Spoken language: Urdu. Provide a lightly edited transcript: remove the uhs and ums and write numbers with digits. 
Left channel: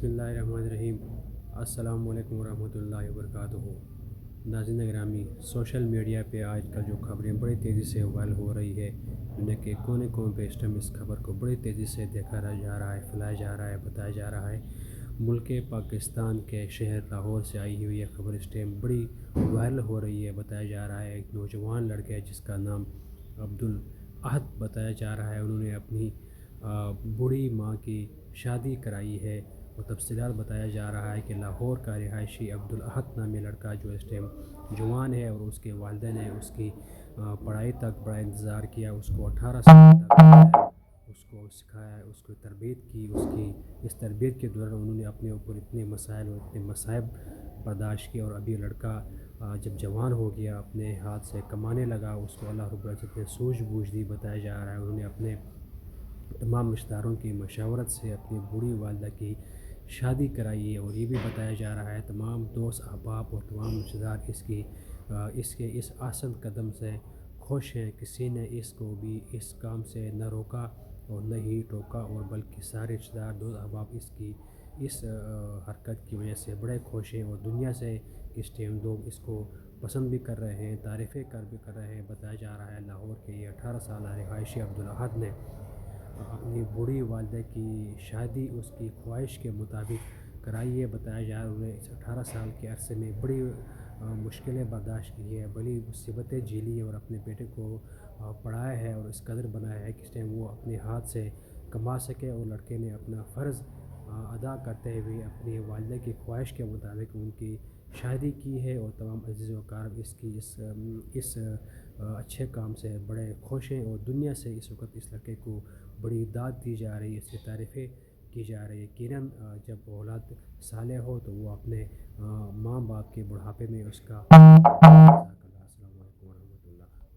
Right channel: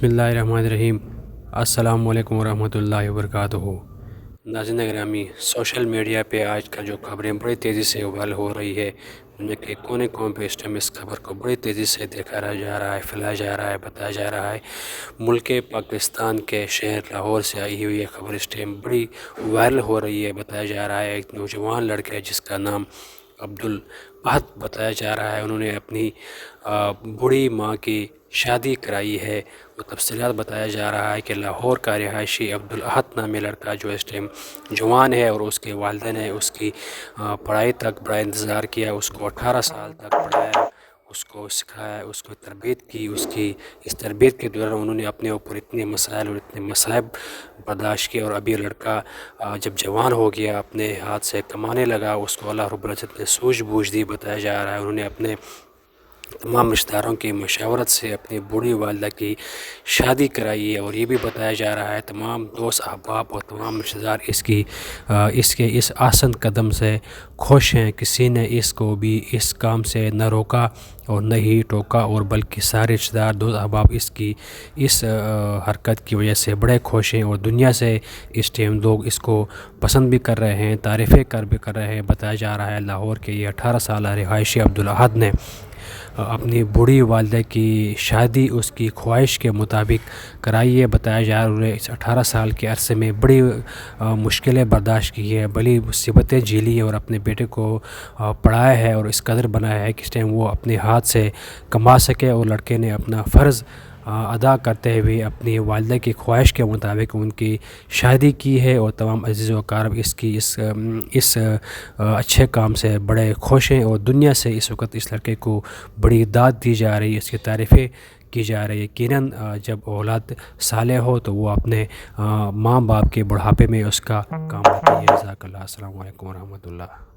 بسم اللہ الرحمن الرحیم۔ السلام علیکم ورحمۃ اللہ وبرکاتہ۔ ناظرین گرامی، سوشل میڈیا پہ آج کل جو خبریں بڑی تیزی سے وائرل ہو رہی ہے، دنیا کے کونے کونے پہ اس ٹائم اس خبر کو بڑی تیزی سے دیکھا جا رہا ہے، پھیلایا جا رہا ہے، بتایا جا رہا ہے۔ ملک پاکستان کے شہر لاہور سے آئی ہوئی یہ خبر اس ٹائم بڑی وائرل ہو رہی ہے۔ بتایا جا رہا ہے ایک نوجوان لڑکا ہے جس کا نام عبدالاحد بتایا جا رہا ہے، انہوں نے اپنی بوڑھی ماں کی شادی کرائی ہے۔ وہ تفصیلات بتایا جا رہا ہے کہ لاہور کا رہائشی عبدالاحد نامی لڑکا جو اس ٹائم جوان ہے اور اس کے والدین نے اس کی پڑھائی تک بڑا انتظار کیا، اس کو 18 سال تک پڑھایا، اس کو سکھایا، اس کو تربیت کی۔ اس تربیت کے دوران انہوں نے اپنے اوپر اتنے مسائل اور اتنے مصائب برداشت کیے، اور ابھی لڑکا جب جوان ہو گیا، اپنے ہاتھ سے کمانے لگا، اس کو اللہ رب العزت نے سوجھ بوجھ دی۔ بتایا جا رہا ہے انہوں نے اپنے تمام رشتہ داروں کی مشاورت سے اپنی بوڑھی والدہ کی شادی کرائی ہے، اور یہ بھی بتایا جا رہا ہے تمام دوست احباب اور تمام رشتہ دار اس کے اس آسن قدم سے خوش ہیں۔ کسی نے اس کو بھی اس کام سے نہ روکا اور نہ ہی ٹوکا، اور بلکہ سارے رشتہ دار دوست احباب اس حرکت کی وجہ سے بڑے خوش ہیں، اور دنیا سے اس ٹائم لوگ اس کو پسند بھی کر رہے ہیں، تعریفیں بھی کر رہے ہیں۔ بتایا جا رہا ہے لاہور کے یہ 18 سالہ رہائشی عبدالاحد نے اپنی بوڑھی والدہ کی شادی اس کی خواہش کے مطابق کرائی ہے۔ بتایا جا رہا ہے انہوں نے اس 18 سال کے عرصے میں بڑی مشکلیں برداشت کی ہے، بڑی مصیبتیں جھیلی ہے، اور اپنے بیٹے کو پڑھایا ہے اور اس قدر بنایا ہے کہ اس ٹائم وہ اپنے ہاتھ سے کما سکے، اور لڑکے نے اپنا فرض ادا کرتے ہوئے اپنی والدہ کی خواہش کے مطابق ان کی شادی کی ہے، اور تمام عزیز و اقارب اس اچھے کام سے بڑے خوش ہیں، اور دنیا سے اس وقت اس لڑکے کو بڑی داد دی جا رہی ہے، اس کی تعریفیں کی جا رہی ہے۔ یقیناً جب اولاد صالح ہو تو وہ اپنے ماں باپ کے بڑھاپے میں اس کا کام آتی ہے۔ جزاک اللہ۔ السلام علیکم ورحمۃ اللہ۔